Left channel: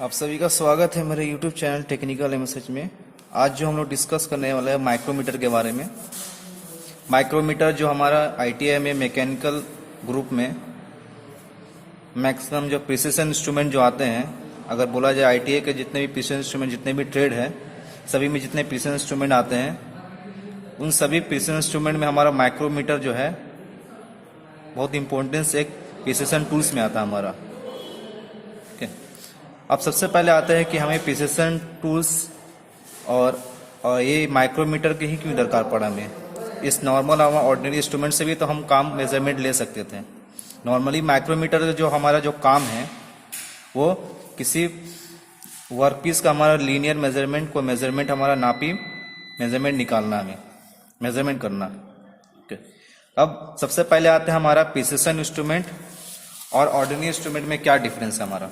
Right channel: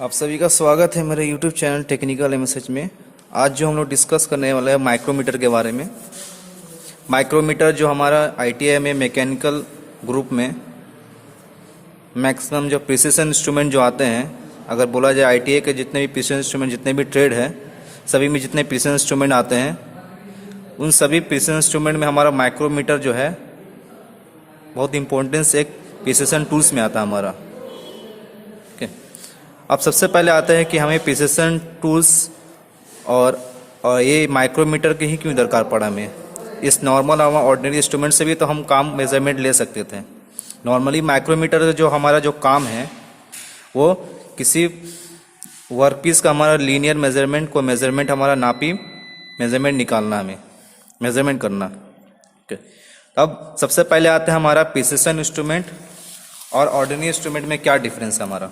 आप सभी का स्वागत है मेरे YouTube चैनल टेक्निकल एमएसएच में। आज जो हम लोग डिस्कस करने वाले हैं माइक्रोमीटर के बारे में। माइक्रोमीटर जो हमारा आईटीआई में मैकेनिकल ग्रुप में मैक्सिमम जो प्रिसिशन इंस्ट्रूमेंट जो आते हैं, अगर बोला जाए आईटीआई के जितने भी प्रिसिशन इंस्ट्रूमेंट, जितने भी ट्रेड है, सभी में जितने प्रिसिशन इंस्ट्रूमेंट आते हैं, उन सभी प्रिसिशन इंस्ट्रूमेंट में हमारा माइक्रोमीटर जो है बहुत इंपॉर्टेंस एक प्रिसिशन टूल्स में आता है हमारा। अब सबसे पहले आता है कि हमें प्रिसिशन टूल्स और ये माइक्रोमीटर की ही क्यों दरकार पड़ा हमें। इस नॉर्मल और ऑर्डिनरी इंस्ट्रूमेंट से भी तो हम काम मेजरमेंट ले सकते थे। नॉर्मली माइक्रोमीटर जो हमारा जो काम है वो किसी वर्कपीस का हमारा लीनियर मेजरमेंट को मेजरमेंट हमारा नापी मेजरमेंट निकालना, हमें मेजरमेंट करना। अब सबसे पहले आता है हमारा प्रिसिशन इंस्ट्रूमेंट और ऑर्डिनरी इंस्ट्रूमेंट में क्या डिफरेंस है हमारा।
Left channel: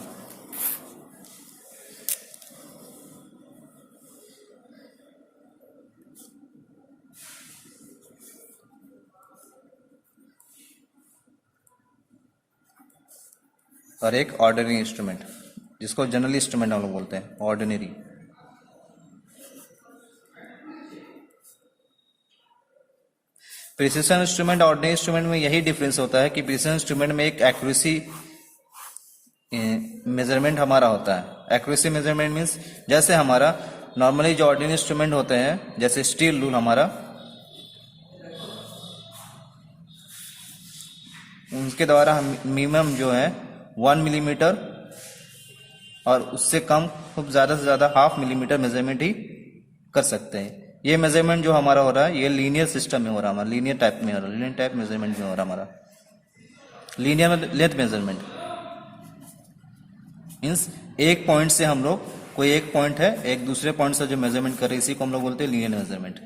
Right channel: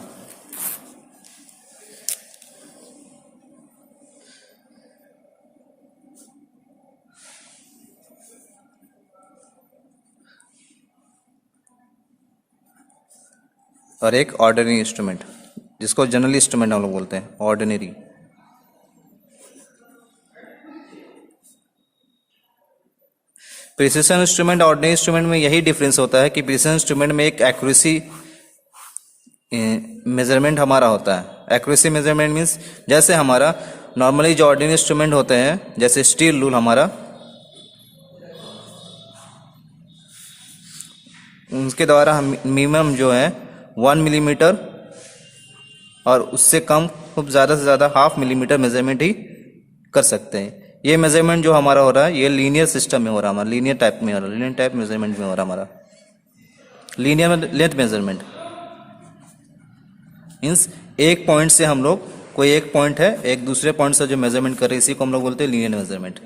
और एक ऑर्डिनरी इंस्ट्रूमेंट, जिसको जनरल इंस्ट्रूमेंट हम लोग बोलते हैं, ऑर्डिनरी। प्रिसिशन इंस्ट्रूमेंट और ऑर्डिनरी इंस्ट्रूमेंट में यही डिफरेंस होता है कि प्रिसिशन इंस्ट्रूमेंट में एक एक्यूरेसी मेजरमेंट हमारा होता है। एक्यूरेसी मेजरमेंट मीन्स जैसे हमारा नॉर्मली जो ऑर्डिनरी इंस्ट्रूमेंट होते हैं, जैसे स्टील रूल हमारा, उनके द्वारा हम मिनिमम जो है 1 मिलीमीटर और उससे कम खूब ज़्यादा से ज़्यादा 0.5 मिलीमीटर मेजरमेंट ही कर सकते हैं। ये मेजरमेंट जो हमारा हो रहा है ये लीनियर सिस्टम में हो रहा है, हमारा लीनियर टाइप में हो रहा है, लीनियर टाइप मेजरमेंट में हो रहा है हमारा। लीनियर लेंथ मेजरमेंट मीन्स एक पॉइंट से हम लोग, कोई एक पॉइंट है, एक दूसरे पॉइंट से जो मेजरमेंट कर रहे हैं, इसी को हम लोग बोलते हैं linear measurement.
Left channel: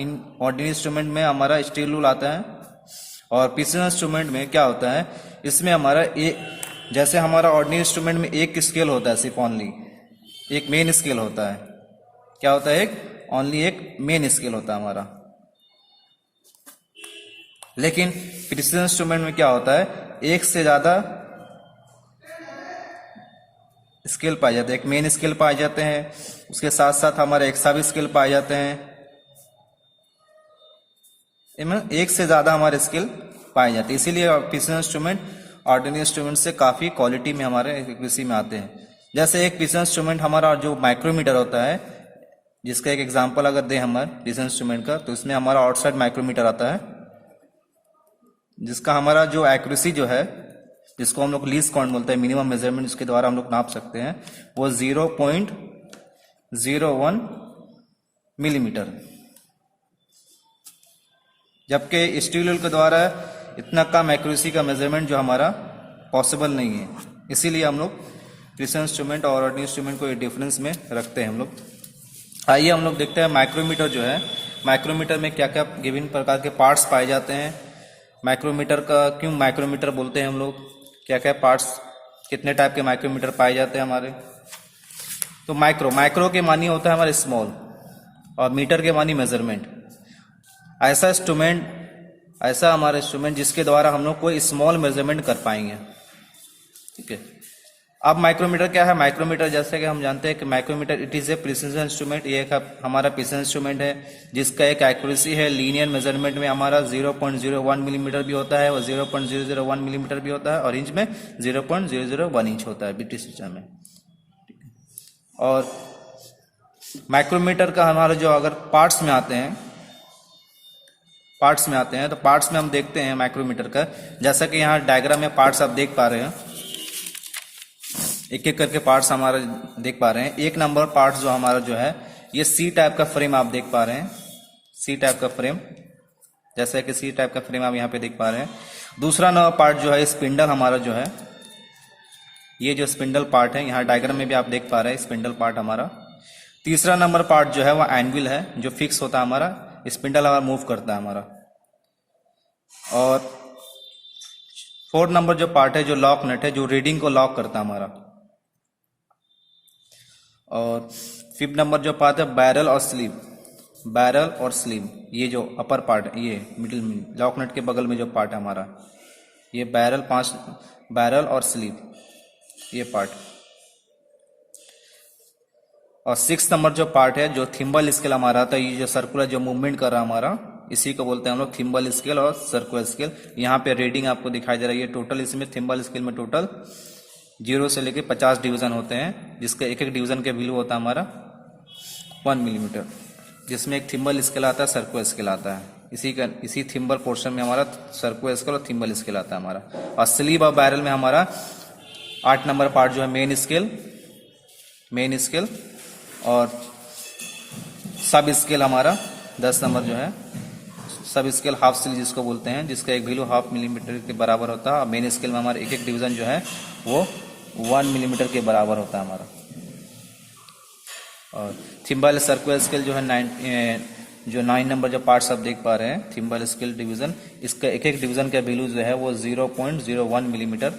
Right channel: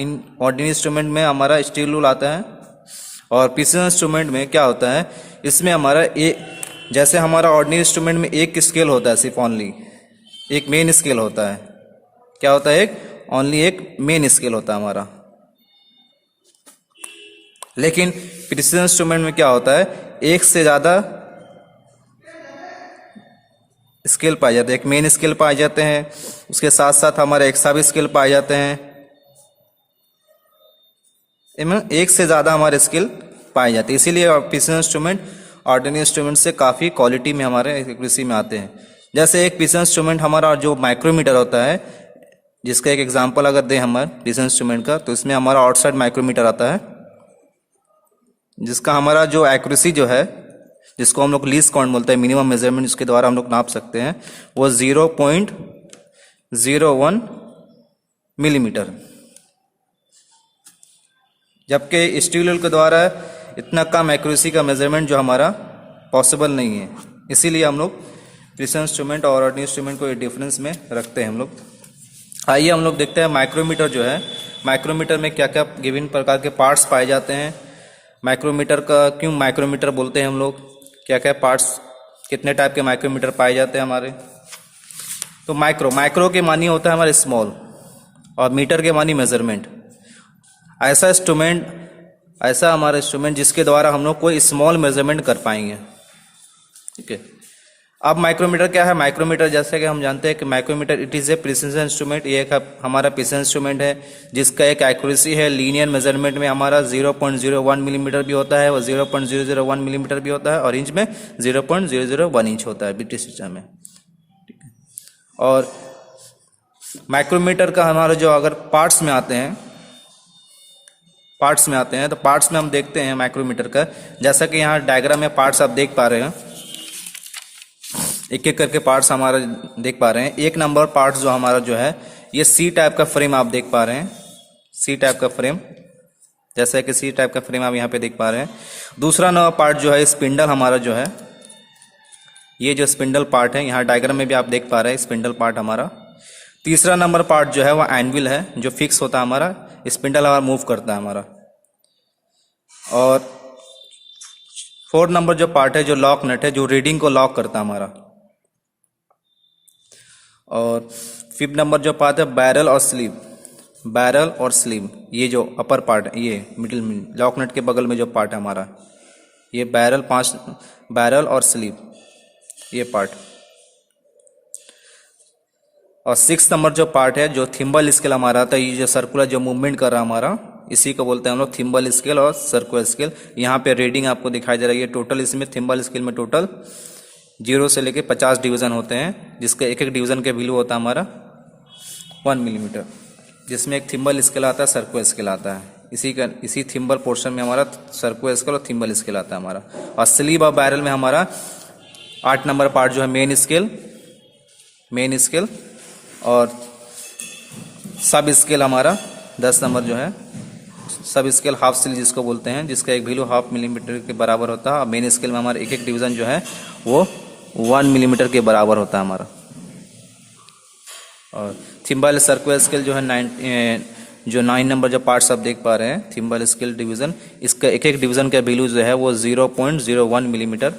In ordinary instrument में हमारा स्टील रूल आता है और प्रिसिशन इंस्ट्रूमेंट में क्या होता है, इसमें हमारा एक, जैसे हमारा ऑर्डिनरी इंस्ट्रूमेंट में एक स्केल होता है, सिर्फ ओनली एक मेन स्केल होता है। क्या होता है? एक ओनली एक मेन स्केल होता है हमारा। लेकिन प्रिसिशन इंस्ट्रूमेंट में क्या होता है, एक से ज्यादा स्केल पाए जाते हैं। एक मेन स्केल पाए जाते हैं, उसके साथ साथ हमारे एक्स्ट्रा भी स्केल पाए जाते हैं। एक से ज्यादा हमारे स्केल पाए जाते हैं, इसीलिए प्रिसिशन इंस्ट्रूमेंट ऑर्डिनरी इंस्ट्रूमेंट से काफ़ी क्वालिटी में हमारे एक्यूरेसी में आते हैं। जैसे एक प्रिसिशन इंस्ट्रूमेंट हमारा जो माइक्रोमीटर होता है, जिसका एक एग्जांपल अगर दें हमारे प्रिसिशन इंस्ट्रूमेंट का, तो इसमें हमारा आउटसाइड माइक्रोमीटर आता है, जिसका हमारा जो एक्यूरेसी जो है, जिसको हम लोग लीस्ट काउंट बोलते हैं, मिनिमम मेजरमेंट जिसके द्वारा हम लोग नाप सकते हैं, वो 0.01 मिलीमीटर। जबकि स्टील रूल के द्वारा इतना कम एक्यूरेसी का मेजरमेंट जो हमारा पॉसिबल नहीं है। इसीलिए हम लोग प्रिसिशन इंस्ट्रूमेंट और ऑर्डिनरी इंस्ट्रूमेंट को डिफरेंस में रखते हैं हम लोग। आइए हम लोग देखते हैं माइक्रोमीटर जो है, माइक्रोमीटर में क्या क्या विभिन्न प्रकार के पार्ट्स पाए जाते हैं। माइक्रोमीटर का क्यों माइक्रोमीटर बोलते हैं हम लोग, क्या क्या पार्ट्स, कितने टाइप के माइक्रोमीटर पाए जाते हैं हमारे। तो माइक्रो के मानी होता है हमारे स्मॉल, और मीटर के मानी मेजरमेंट। ऐसा हमारा इंस्ट्रूमेंट जिसके द्वारा हम लोग कोई स्मॉल मेजरमेंट कर पाएंगे। ठीक है। अब माइक्रोमीटर क्या है? माइक्रोमीटर जैसे कि हम जानते हैं कि micrometer it is a precision instrument. ये एक हमारा प्रिसिशन इंस्ट्रूमेंट है जिसका एक एक्यूरेसी है लीनियर मेजरमेंट में हमारा 0.01 मिलीमीटर भी होता है और 0.001 मिलीमीटर भी होता है, और इंच में 0.001 इंच होता है ब्रिटिश सिस्टम में। ठीक है। और माइक्रोमीटर का हमारा जो अगर पार्ट्स में आते हैं, तो पार्ट्स में हम देखते हैं माइक्रोमीटर का, जैसा कि यहाँ डायग्राम में पार्ट्स आप देख पा रहे हैं, एक एक करके पार्ट्स हमारे देख पा रहे हैं। एक नंबर पार्ट्स जो हमारा जो है, ये सी टाइप का फ्रेम आप देख पा रहे हैं, सी टाइप का फ्रेम, जैसा कि सी टाइप का फ्रेम आप यहाँ पे देख पा रहे हैं। दूसरा नंबर पार्ट जो है स्पिंडल हमारा जो है, ये जो स्पिंडल पार्ट है, यहाँ डायग्राम में भी आप देख पा रहे हैं स्पिंडल पार्ट हमारा। तीसरा नंबर पार्ट जो है वो एनविल है, जो फिक्स होता है हमारा, स्पिंडल हमारा मूव करता है हमारा। और फोर्थ नंबर जो पार्ट है, जो लॉक नट है, जो रीडिंग को लॉक करता है हमारा। और फिफ्थ नंबर जो पार्ट है बैरल और स्लीव, ये जो अपर पार्ट है, ये मिडिल में लॉक नट के बगल में जो पार्ट है हमारा, ये बैरल और स्लीव, ये पार्ट। और 6 नंबर जो पार्ट है जो थिम्बल स्केल हमारा था, ये जो सर्कुलर जो मूवमेंट कर रहा है हमारा, इसी को बोलते हैं हम लोग थिम्बल स्केल और सर्कुलर स्केल। यहाँ पे रीडिंग आपको दिखाई दे रहा है, ये टोटल इसमें थिम्बल स्केल में टोटल 0 से लेके 50 डिवीजन होते हैं, जिसका एक एक डिवीजन का वैल्यू होता है हमारा 1 मिलीमीटर, जिसमें एक थिम्बल स्केल आता है, सर्कुलर स्केल आता है। इसी थिम्बल पोर्शन में हमारा सर्कुलर स्केल और थिम्बल स्केल आता है हमारा। और स्लीव और बैरल में हमारा 8 नंबर पार्ट जो है मेन स्केल और सब स्केल हमारा 10 नंबर जो है सब स्केल हाफ स्लीव जिसको बोलते हैं, जिसका एक वैल्यू 1/2 मिलीमीटर के बराबर होता है। और मेन स्केल में हमारा एक एक डिवीजन जो है वो 1 मिलीमीटर के बराबर होता है हमारा। और थिम्बल सर्कुलर स्केल जो है 9 नंबर जो पार्ट्स आप देख पा रहे हैं, थिम्बल स्केल डिवीजन, इसका एक एक डिवीजन का वैल्यू जो है वो 0.01 मिलीमीटर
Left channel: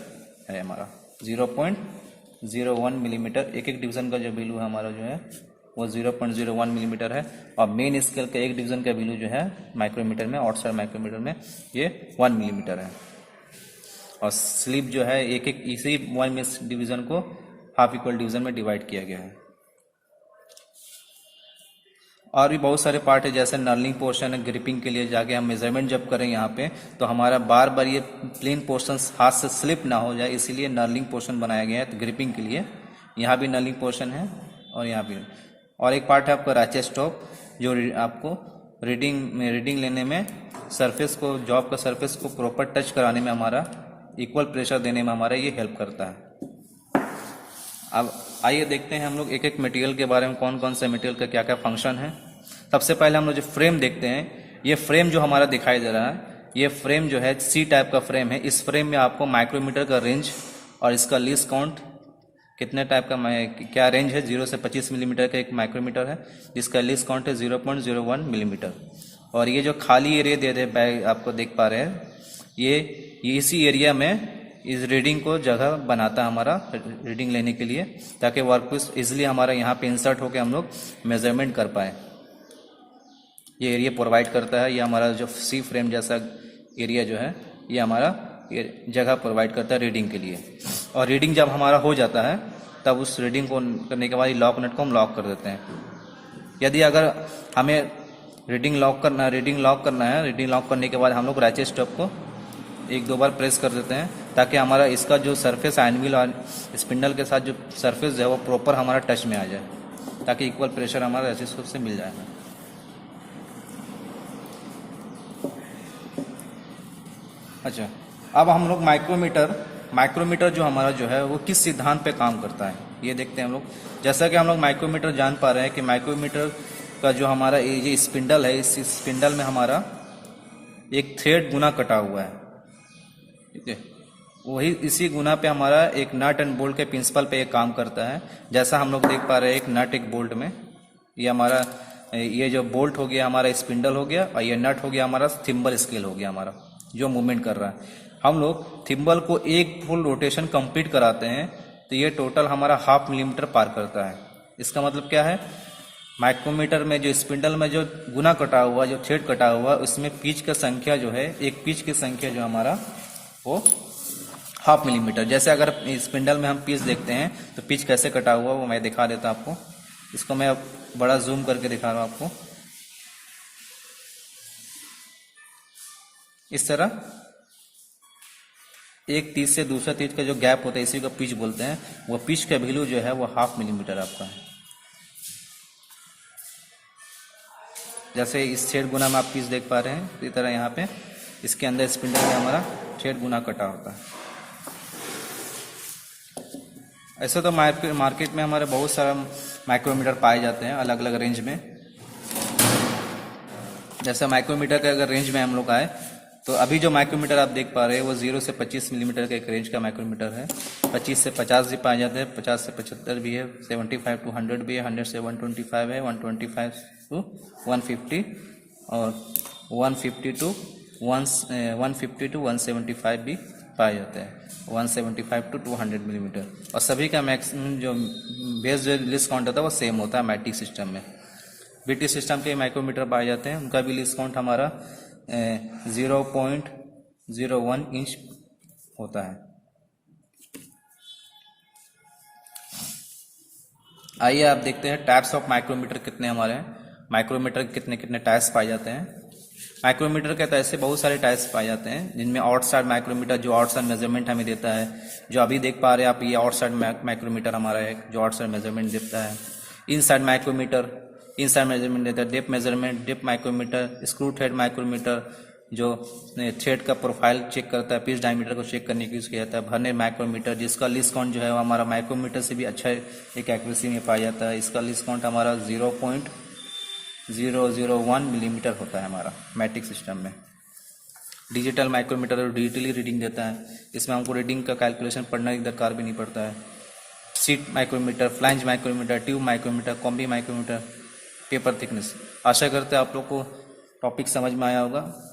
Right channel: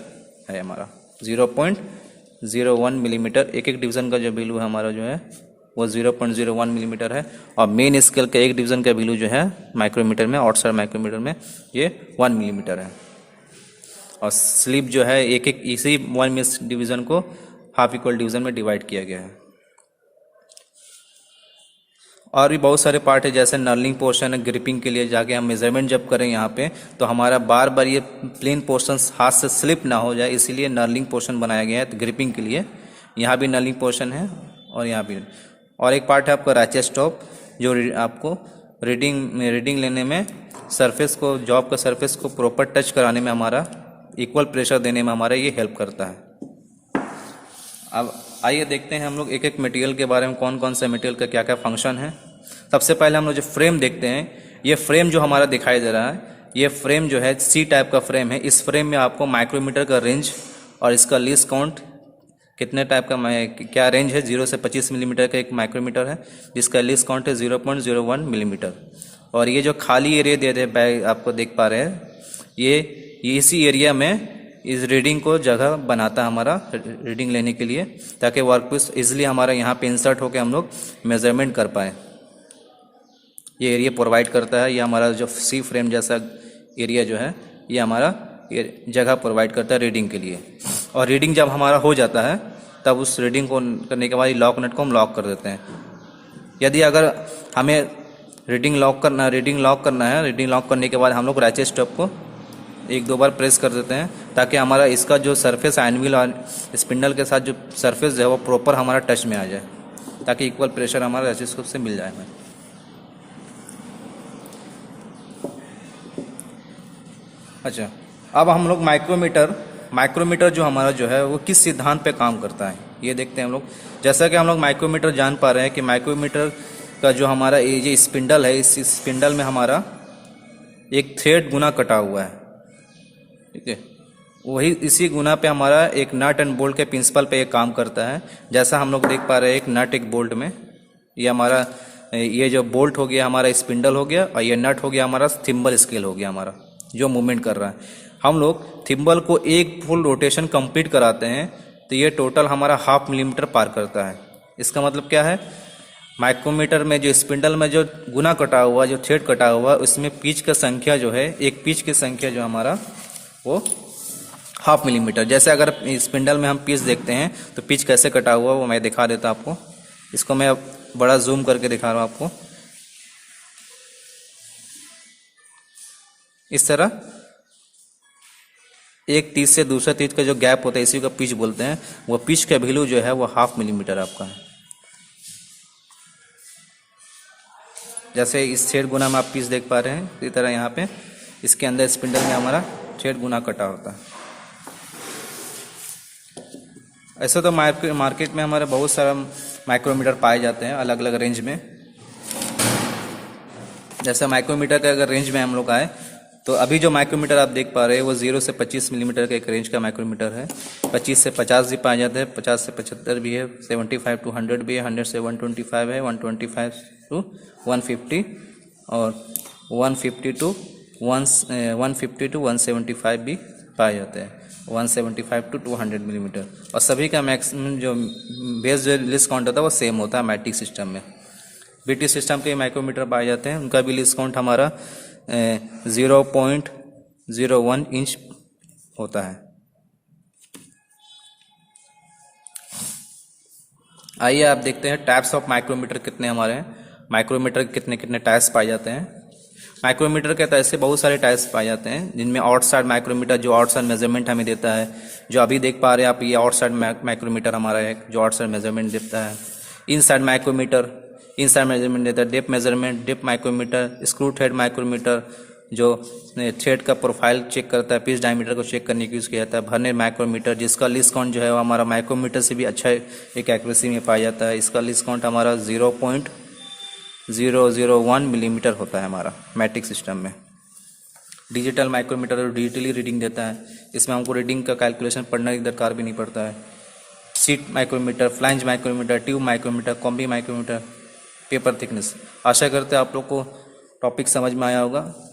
है हमारा। 0.01 मिलीमीटर एक एक डिवीजन का जो वैल्यू है हमारा जो है वो 0.01 मिलीमीटर है। और मेन स्केल का एक डिवीजन का वैल्यू जो है माइक्रोमीटर में, आउटसाइड माइक्रोमीटर में, ये 1 मिलीमीटर है। और स्लीप जो है एक एक इसी 1 डिवीजन को हाफ इक्वल डिवीजन में डिवाइड किया गया है। और भी बहुत सारे पार्ट है, जैसे नर्लिंग पोर्शन है, ग्रिपिंग के लिए जाके हम मेजरमेंट जब करें यहाँ पे तो हमारा बार बार ये प्लेन पोर्शन हाथ से स्लिप ना हो जाए, इसीलिए नर्लिंग पोर्शन बनाया गया है। तो ग्रिपिंग के लिए यहाँ भी नर्लिंग पोर्शन है और यहाँ भी। और एक पार्ट है आपका रैचेट स्टॉप, जो आपको रीडिंग लेने में सरफेस को, जॉब का सरफेस को प्रॉपर टच कराने में, हमारा इक्वल प्रेशर देने में हमारा ये हेल्प करता है। अब आइए देखते हैं हम लोग एक एक मटेरियल के बारे में, कौन कौन से मटेरियल का क्या क्या फंक्शन है। सबसे पहले हम लोग जो फ्रेम देखते हैं, ये फ्रेम जो हमारा दिखाई दे रहा है, ये फ्रेम जो है सी टाइप का फ्रेम है। इस फ्रेम में आपको माइक्रोमीटर का रेंज और इसका लीस्ट काउंट कितने टाइप का क्या रेंज है, 0 से 25 मिलीमीटर का एक माइक्रोमीटर है, जिसका लीस्ट काउंट है 0.01 मिलीमीटर। और ये जो खाली एरिया दे रहे आपको देख पा रहे हैं, ये इसी एरिया में इस रीडिंग को जगह बनाता है हमारा रीडिंग लेने के लिए, ताकि वर्कपीस इजिली हमारा यहाँ पे इंसर्ट होकर हम लोग मेजरमेंट कर पाए। ये एरिया प्रोवाइड करता है, ये हमारा जो सी फ्रेम जैसा एरिया जो है ये हमारा जगह प्रोवाइड करता है रीडिंग के लिए। और रीडिंग जब हमारा हो जाता है तब उस रीडिंग को करने के बाद लॉक नट को हम लॉक कर देते हैं। यदि अगर हमें रीडिंग लॉक करना है, रीडिंग लॉक करने के बाद हम लोग रैचेट स्टॉप को 1-2 बार प्रेस कर देते हैं, ताकि हमारा इसका जो सरफेस आयनविल और स्पिंडल के साथ जो सरफेस जो है वो प्रॉपर हमारा टच में आ जाए, ताकि इक्वल प्रेशर हमारा रैचेट स्टॉप से मिल जाए। अच्छा, अब हम लोग माइक्रोमीटर जो हमारा जो है वो किस सिद्धांत पे काम करता है ये देखते हैं हम लोग। जैसा कि हम लोग माइक्रोमीटर जान पा रहे हैं कि माइक्रोमीटर का जो हमारा ये स्पिंडल है, इस स्पिंडल में हमारा एक थ्रेड गुना कटा हुआ है, ठीक है। वही इसी गुना पे हमारा एक नट एंड बोल्ट के प्रिंसिपल पे एक काम करता है। जैसा हम लोग देख पा रहे हैं, एक नट एक बोल्ट में, ये हमारा ये जो बोल्ट हो गया हमारा स्पिंडल हो गया, और ये नट हो गया हमारा थिम्बल स्केल हो गया हमारा जो मूवमेंट कर रहा है। हम लोग थिम्बल को एक फुल रोटेशन कंप्लीट कराते हैं तो ये टोटल हमारा 1/2 मिलीमीटर पार करता है। इसका मतलब क्या है, माइक्रोमीटर में जो स्पिंडल में जो गुना कटा हुआ, जो थ्रेड कटा हुआ, उसमें पिच का संख्या जो है, एक पिच की संख्या जो हमारा वो 1/2 मिलीमीटर। जैसे अगर स्पिंडल में हम पिच देखते हैं तो पिच कैसे कटा हुआ वो मैं दिखा देता आपको। इसको मैं बड़ा जूम करके दिखा रहा हूँ आपको। इस तरह एक तीस से दूसरा तीस का जो गैप होता है इसी का पिच बोलते हैं। वो पिच का वैल्यू जो है वो 1/2 मिलीमीटर आपका है। जैसे इस छेद गुना में आप पिच देख पा रहे हैं, इसी तरह यहाँ पे इसके अंदर स्पिंडल में हमारा छेद गुना कटा होता है। ऐसे तो मार्केट में हमारे बहुत सारा माइक्रोमीटर पाए जाते हैं अलग अलग रेंज में। जैसे माइक्रोमीटर के अगर रेंज में हम लोग आए तो अभी जो माइक्रोमीटर आप देख पा रहे हैं वो 0 से 25 मिलीमीटर का एक रेंज का माइक्रोमीटर है। 25 से 50 भी पाए जाते हैं, 50 से 75 भी है, 75 to 100 भी है, 100 से 125 है, 125 to 150 और 150 to 175 भी पाए जाते हैं, 175 to 200 मिलीमीटर। और सभी का मैक्सिमम जो बेस जो लिस्ट काउंट होता है वो सेम होता है मैट्रिक सिस्टम में। बीटी सिस्टम के माइक्रोमीटर पाए जाते हैं, उनका भी लिस्ट काउंट हमारा 0.01 इंच होता है। आइए आप देखते हैं टाइप्स ऑफ माइक्रोमीटर कितने हमारे हैं, माइक्रोमीटर के कितने कितने टाइप्स पाए जाते हैं। माइक्रोमीटर के तो ऐसे बहुत सारे टाइप्स पाए जाते हैं, जिनमें आउटसाइड माइक्रोमीटर जो आउटसाइड मेजरमेंट हमें देता है, जो अभी देख पा रहे हैं आप, ये आउटसाइड माइक्रोमीटर हमारा है जो आउटसाइड मेजरमेंट देता है। इनसाइड माइक्रोमीटर इनसाइड मेजरमेंट देता है। Depth measurement, depth micrometer, screw thread micrometer जो थ्रेड का प्रोफाइल चेक करता है, पिच डायमीटर को चेक करने की यूज़ किया जाता है। वर्नियर माइक्रोमीटर जिसका लीस्ट काउंट जो है वो हमारा माइक्रोमीटर से भी अच्छा एक एक्यूरेसी में पाया जाता है। इसका लीस्ट काउंट हमारा 0.001 मिलीमीटर होता है हमारा मैट्रिक सिस्टम में। डिजिटल माइक्रोमीटर डिजिटली रीडिंग देता है, इसमें हमको रीडिंग का कैलकुलेशन पढ़ने की दरकार भी नहीं पड़ता है। Sheet micrometer, flange micrometer, tube micrometer, combi micrometer, paper thickness. आशा करते हैं आप लोग को टॉपिक समझ में आया होगा।